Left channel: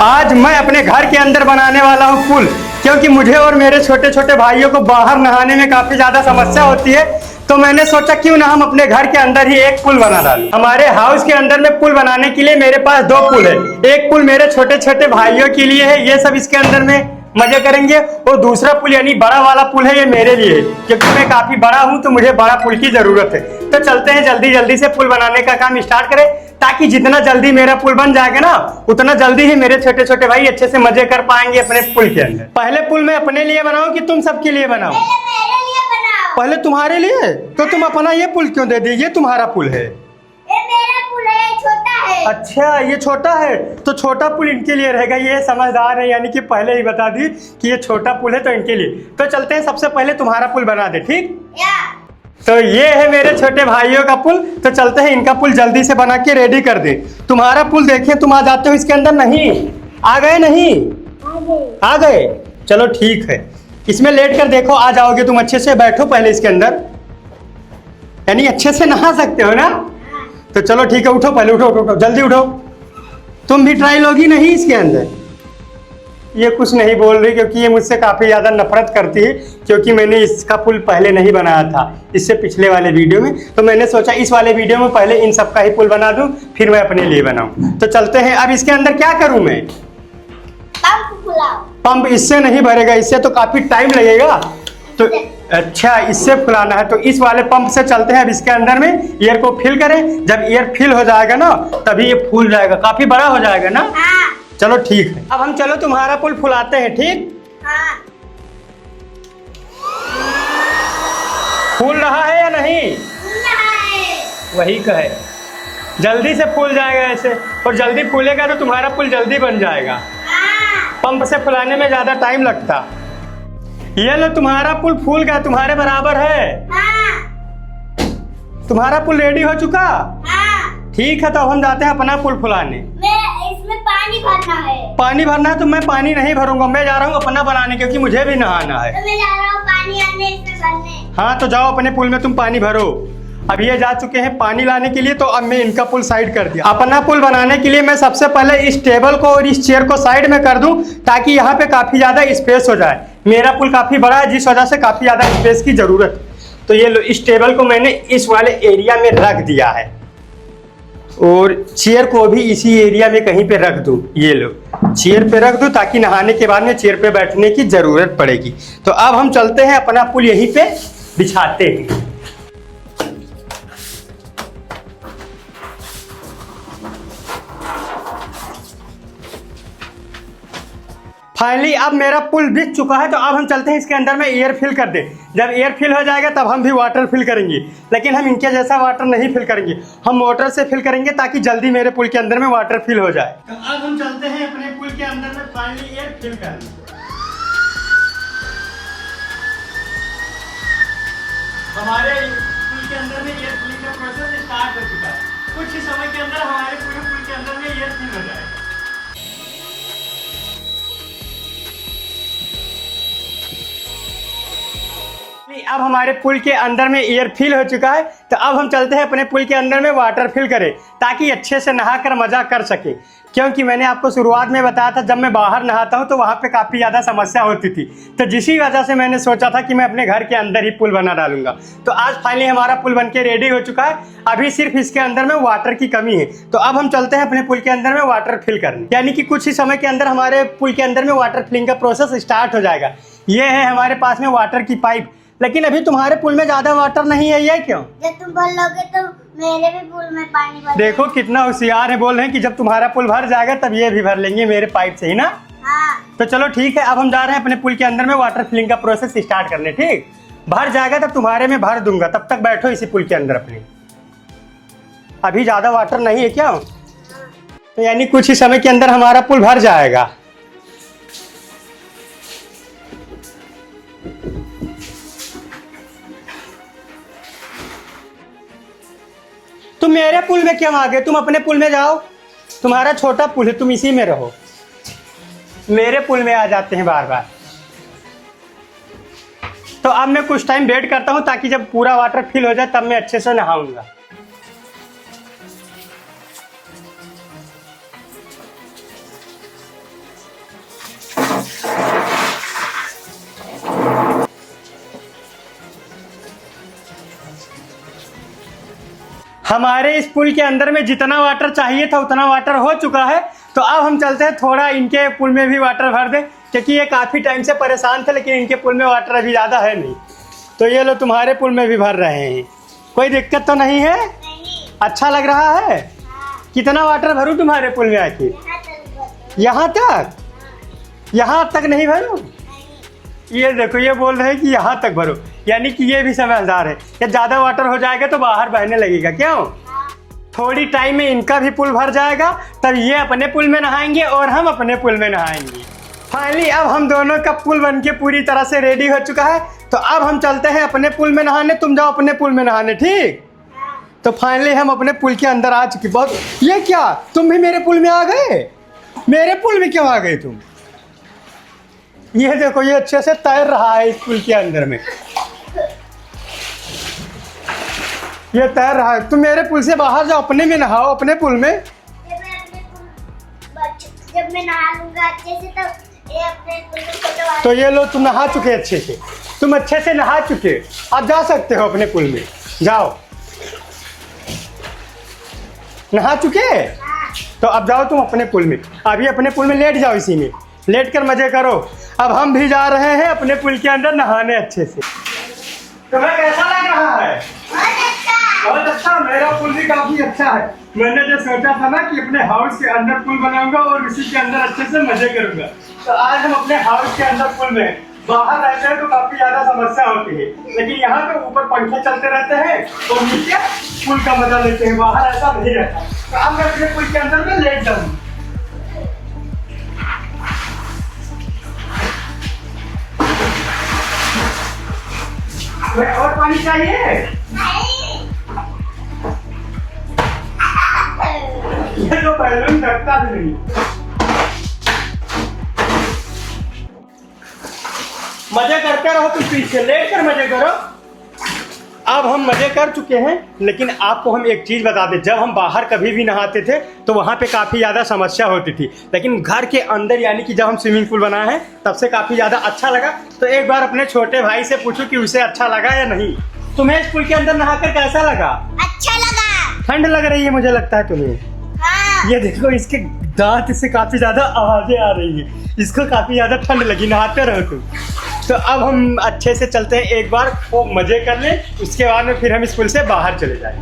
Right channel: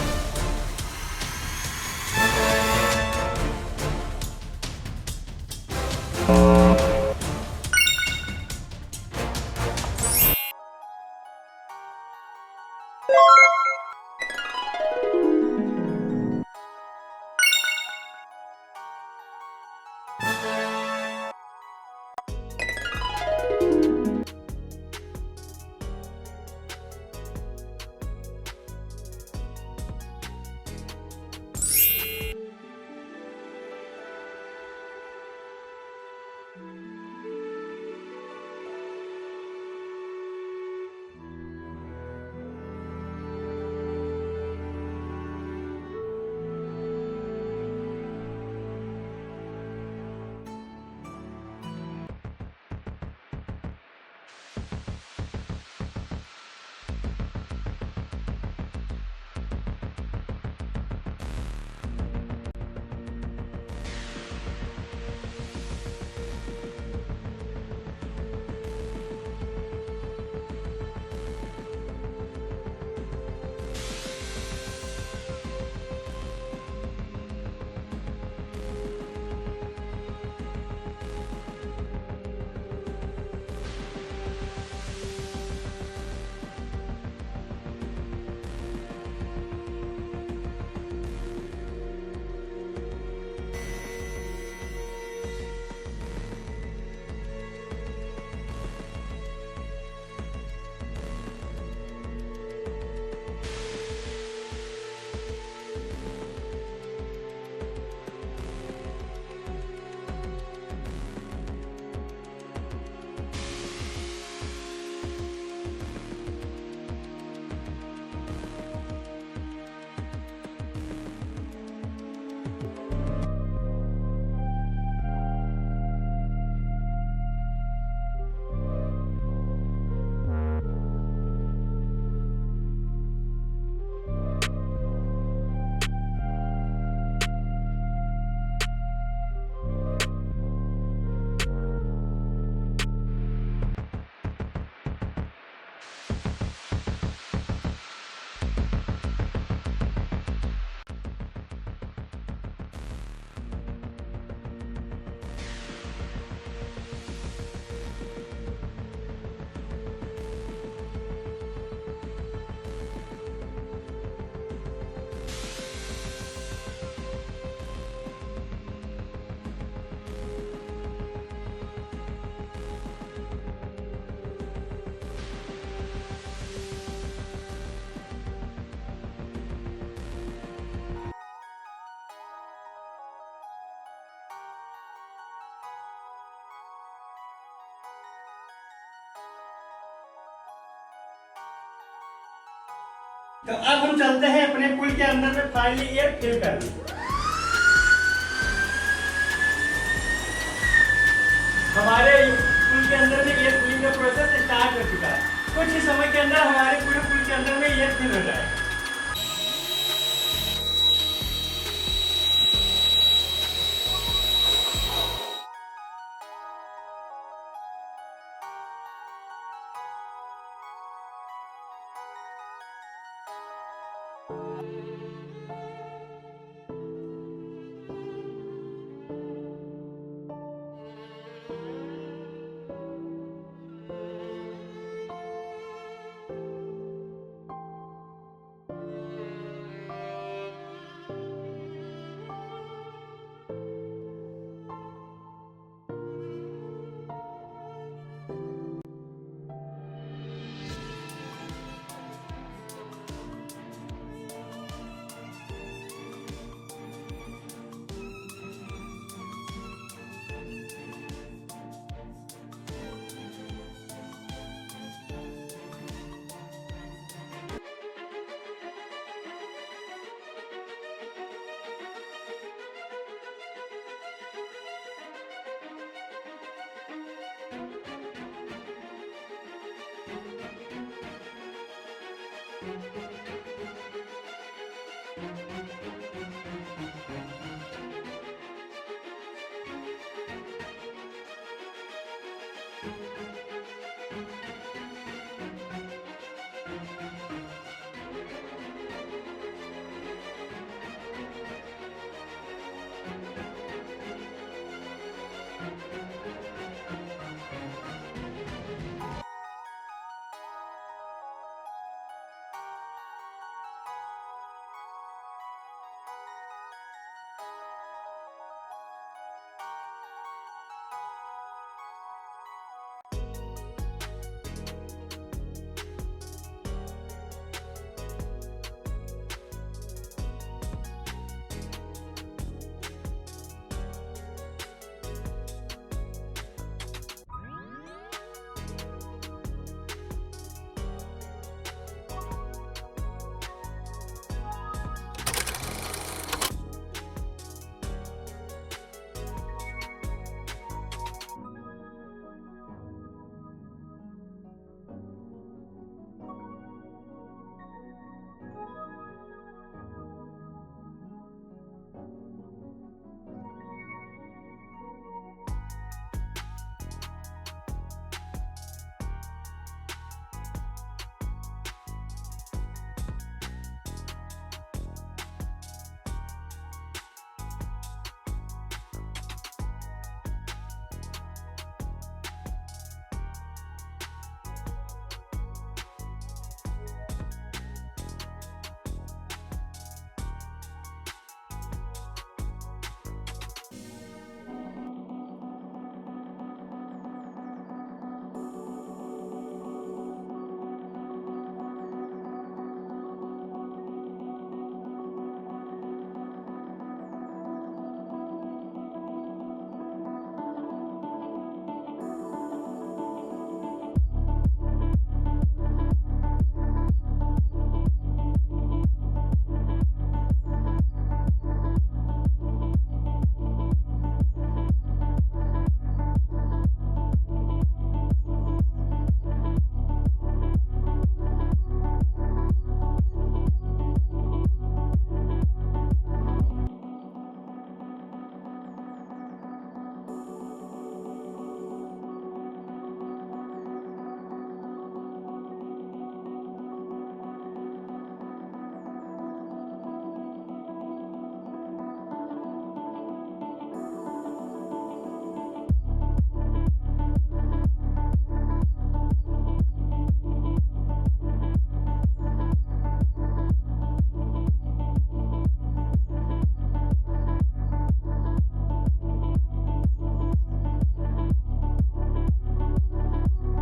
आज मैं अपने घर के अंदर बनाने वाला हूँ पुल, क्योंकि मुझे और मेरे छोटे छोटे भाइयों को बाहर नहाने में काफी ज्यादा समस्या होती है। तो मैंने सोचा क्यों ना हम अपने घर के अंदर ही एक पुल बना डालें। हमारे हाउस के अंदर में पुल बनाने के लिए मेरे पास दो पुल है। एक पुल मेरे छोटे छोटे भाइयों के लिए है, ये सब इसके अंदर में मजे करेंगे, और दूसरा पुल यानी बड़ा वाला पुल है, ये मेरे लिए, क्योंकि मैं काफी बड़ा हूं तो मुझे बड़ा पुल की जरूरत है। तो चलते हैं जल्दी जल्दी से पुल बनाने का काम स्टार्ट करें, ताकि जितना जल्दी मेरा पुल बन जाएगा ना, उतना जल्दी ही मेरे छोटे छोटे भाई अच्छे से मजे कर पाएंगे अपने पुल के अंदर। पहले पुल मैं अपने लिए बनाऊं कि तुम सबके लिए बनाऊं? पहले तुम्हारे लिए? तो तुम अपना ये पुल क्यों दे दिए? ये तुम्हारा पुल है। मेरा पुल है, छोटा है। अच्छा, ये छोटा है तो छोटा पुल इनके लिए रहेगा। ये समझदार है, यानी कि पहले ही बता दी कि ये छोटा पुल है तो इनके लिए। तो चलते हैं, सबसे पहले तुम्हारा पुल बना दे, ठीक? तो ये है मेरे छोटे भाइयों का पुल। तो चलते हैं इनका पुल जल्दी से बना के रेडी कर दे। तुम्हारा पुल देखें, तुम आ जाते हो इसके अंदर? नहीं आ गए? नहीं आ गए, चलो ठीक है। इसमें लेट कर देखो, आ जाओगे तुम। अच्छे से बैठो पहले इसके अंदर, यानी अच्छे से नहा सकते हो ना? तो चलो ठीक है, उठो पहले, उठो उठो, उठो जल्दी उठो। तुम भी ट्राई लोगी नहीं इसके अंदर? ये कुछ नहीं बोल रही, क्योंकि ये मुझसे काफ़ी ज़्यादा नफरत करती है, क्योंकि मैंने इसका पुल पहले नहीं बनाया था, इससे पिछले वाले वीडियो में। तो मैंने सोचा इस वाले वीडियो में पहले इन सब का ही पुल बना दूं, फिर मैं अपने लिए बनाऊं। तो चलते हैं। अब इसके अंदर क्या करूं मैं? पंप इससे नहीं भरेगा, इससे तो काफ़ी टाइम लगेगा। तो अच्छा, इससे फुलाना है, तो इस वाले पंप से चलते हैं। अब इसके अंदर में एयर को फिल करें। जब एयर फिल हो जाएगा ना, तभी ये फूल जाएगा, काफी बड़ा हो जाएगा ना? हाँ। चलो ठीक है, अब हम चलो तुम्हारा पुल फुलाते हैं, ठीक? हाँ। फूल रहा है या नहीं? फूल रहा है। वही कहे, जल्दी से फूल जाएगा ऐसे, और जल्दी फूलेगा तो तुम्हारा पुल जल्दी बन जाएगा। हाँ। पंप से फुलाने में ज्यादा टाइम लगता। ये लो, तुम्हारा पुल फूल गया, तुम्हारे बराबर है। हाँ। तुम्हारा पुल रेडी हो चुका? हाँ। ठीक है, तो हम जाते हैं अपना पुल फुलाने। इसमें पानी भरना है। पानी भरना है? तो मैं पानी नहीं भरूंगा, मैं जा रहा हूँ अपना बनाने, क्योंकि मुझे भी नहाना है। तो मैं जा रहा हूँ पानी आने, इसमें भरने। हाँ, तो जाओ अपने पुल में तुम पानी भरो। अब ये जा चुके हैं पानी लाने के लिए, तो अब मैं इनका पुल साइड कर दिया। अपना पुल बनाने के लिए मैं सबसे पहले इस टेबल को और इस चेयर को साइड में कर दूं, ताकि यहाँ पे काफी ज्यादा स्पेस हो जाए। मेरा पुल काफी बड़ा है, जिस वजह से काफी ज्यादा स्पेस की जरूरत है। तो ये लो, इस टेबल को मैंने इस वाले एरिया में रख दिया है, और चेयर को भी इसी एरिया में कहीं पे रख दूं। ये लो, चेयर पे रख दूं, ताकि नहाने के बाद में चेयर पे बैठने की जरूरत पड़ेगी। तो अब हम चलते हैं, अपना पुल यहीं पे बिछाते हैं। फाइनली अब मेरा पुल बिछ चुका है। तो अब हम चलते हैं इसके अंदर में एयर फिल कर दे। जब एयर फिल हो जाएगा तब हम भी वाटर फिल करेंगे, लेकिन हम इनके जैसा वाटर नहीं फिल करेंगे, हम मोटर से फिल करेंगे, ताकि जल्दी मेरे पुल के अंदर में वाटर फिल हो जाए। तो अब हम चलते हैं अपने पुल के अंदर में फाइनली एयर फिल करने। हमारे पुल के अंदर में एयर फिलिंग का प्रोसेस स्टार्ट हो चुका है। कुछ ही समय के अंदर हमारे पूरे पुल के अंदर में एयर फिल हो जाएगा। अब हमारे पुल के अंदर में एयर फिल हो चुका है। तो अब हम चलते हैं अपने पुल के अंदर में वाटर फिल करें, ताकि अच्छे से नहा कर मजा कर सके। क्योंकि मैंने आपको शुरुआत में बताया था, जब मैं बाहर नहाता हूं तो वहां पे काफ़ी ज़्यादा समस्या होती थी। तो जिसी वजह से मैंने सोचा था कि मैं अपने घर के अंदर ही पुल बना डालूंगा। तो आज फाइनली हमारा पुल बन के रेडी हो चुका है। अभी सिर्फ इसके अंदर में वाटर की कमी है। तो अब हम चलते हैं अपने पुल के अंदर में वाटर फिल करने, यानी कि कुछ ही समय के अंदर हमारे पुल के अंदर में वाटर फिलिंग का प्रोसेस स्टार्ट हो जाएगा। ये है हमारे पास में वाटर की पाइप, लेकिन अभी तुम्हारे पुल में ज्यादा वाटर नहीं है, ये क्यों? जब तुम भर लोगे तो मेरे भी पुल में पानी भर। देखो कितना होशियार है, बोल रहे हैं कि जब तुम्हारा पुल भर जाएगा तब ये भी भर लेंगे मेरे पाइप से ही ना। हाँ। तो चलो ठीक है, अब हम जा रहे हैं अपने पुल के अंदर में वाटर फिलिंग का प्रोसेस स्टार्ट करने, ठीक? भर जाएगा तब तुम्हारे में भर दूंगा, तब तक बैठो इसी पुल के अंदर अपने। अभी ज्यादा वाटर नहीं है क्या? तो यानी कुछ ही समय के अंदर हमारा पुल भर जाएगा। तुम मेरे पुल में क्यों आ गए? तुम अपने पुल में जाओ, तुम्हारा छोटा पुल है, तुम इसी में रहो। मेरे पुल में आ जाते हैं बार बार। तो अब मैं कुछ टाइम वेट करता हूं, ताकि जब पूरा वाटर फिल हो जाए तब मैं अच्छे से नहाऊंगा। हमारे इस पुल के अंदर में जितना वाटर चाहिए था उतना वाटर हो चुका है। तो अब हम चलते हैं थोड़ा इनके पुल में भी वाटर भर दें, क्योंकि ये काफ़ी टाइम से परेशान थे, लेकिन इनके पुल में वाटर अभी ज़्यादा है नहीं। तो ये लोग तुम्हारे पुल में भी भर रहे हैं, कोई दिक्कत तो नहीं है? अच्छा लग रहा है? कितना वाटर भरूं तुम्हारे पुल में आखिर? यहाँ तक? यहाँ तक नहीं भरूं? ये देखो, ये बोल रहे हैं कि यहाँ तक भरो, यानी कि ये भी समझदार है कि ज़्यादा वाटर हो जाएगा तो बाहर बहने लगेगा। क्यों? थोड़ी टाइम में इनका भी पुल भर जाएगा, तब ये अपने पुल में नहाएंगे और हम अपने पुल में नहाएंगे। फाइनली अब हम दोनों का पुल बनके पूरी तरह से रेडी हो चुका है। तो अब हम चलते हैं अपने पुल में नहाने, तुम जाओ अपने पुल में नहाने, ठीक? तो फाइनली हम अपने पुल के अंदर आ चुके। बहुत, ये क्या, तुम भी मेरे पुल में आ गए? मेरे पुल में क्यों आ गए तुम? ये देखो, ये अच्छे से तैर रहा है इस पुल के अंदर में, ये तैर रहा है। तुम मेरे पुल से बाहर जाओ, अपने में नहाओ, अपने पुल में। जब मैं नहा लूंगा अच्छे से तब ये अपने पुल में फोटो। तो ये लो, तुम नहा चुके अच्छे से, तुम अच्छे से नहा चुके, अब जा सकते हो अपने पुल में, जाओ। नहा चुके? तो अब जाओ तुम अपने पुल में, अभी अपने पुल में लेट जाओ, इसी में लेट कर मजे करो। अब हम भी जा रहे हैं अपने पुल के अंदर नहाने अच्छे से। तुम्हें कैसा लग रहा है? बहुत अच्छा, मेरा पुल भी काफी अच्छा है। मैंने जो सोचा था ना कि अपने हाउस के अंदर पुल बनाऊंगा और उसी के अंदर अच्छे से मजे करूंगा, तो आज हम अपने हाउस के अंदर पुल में। बाहर रहते हैं तो काफी ज्यादा समस्या होती है, लेकिन यहाँ पे ऊपर पंखे चलते रहते हैं तो नीचे पुल का मजा लेते हैं, बाहर ऐसा नहीं रहता। तो अब मैं अपने पुल के अंदर में लेट जाऊंगा। और पानी चाहिए? ये तो बैलून ढकता भी नहीं। मजे करते रहो, तुम पीछे लेट कर मजे करो। अब हम मजे कर चुके हैं, लेकिन आपको हम एक चीज बता दें, जब हम बाहर कभी भी नहाते थे तो वहाँ पे काफ़ी ज़्यादा समस्या होती थी, लेकिन घर के अंदर यानी कि जब हम स्विमिंग पूल बनाए हैं तब से काफ़ी ज़्यादा अच्छा लगा। तो एक बार अपने छोटे भाई से पूछो कि उसे अच्छा लगा या नहीं। तुम्हें इस पुल के अंदर नहाकर कैसा लगा? अच्छा लगा। ठंड लग रही है मुझे लगता है तुम्हें। हाँ। ये देखो, इसके दांत से काफ़ी ज़्यादा आवाज़ें आ रही है, इसको काफ़ी ज़्यादा ठंड लगी, नहाते रहो तुम। तो अब हम अच्छे से चलते हैं, एक बार वो मजे कर लें, उसके बाद में फिर हम इस पुल से बाहर चले जाएं।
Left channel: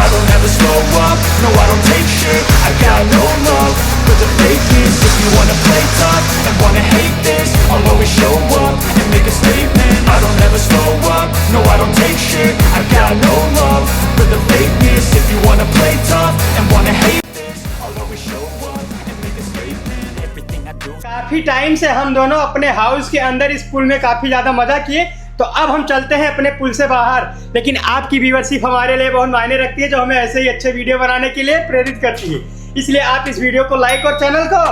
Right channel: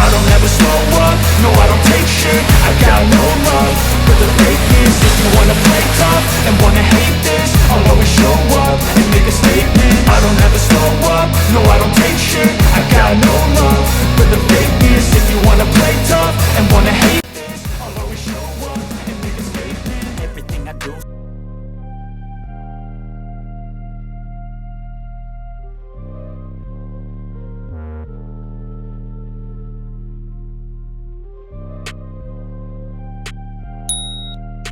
I don't ever slow up, no I don't take shit. I got no love for the fakeness. If you wanna play tough and wanna hate this, I'll always show up and make a statement. I don't ever slow up, no I don't take shit. I got no love for the fakeness. If you wanna play tough and wanna hate this, I'll always show up and make a statement. Everything I do. काफी time से हम दोनों अपने house के अंदर इस पुल में काफी ज्यादा मजा किए। तो अब हम चलते हैं अपने पुल से बाहर, लेकिन आपकी व्यूअरशिप हमारे लिए बहुत मायने रखती है, जो हमें ऐसे ही अच्छे वीडियो बनाने के लिए प्रेरित करती है। इसलिए आप इस वीडियो को लाइक और चैनल को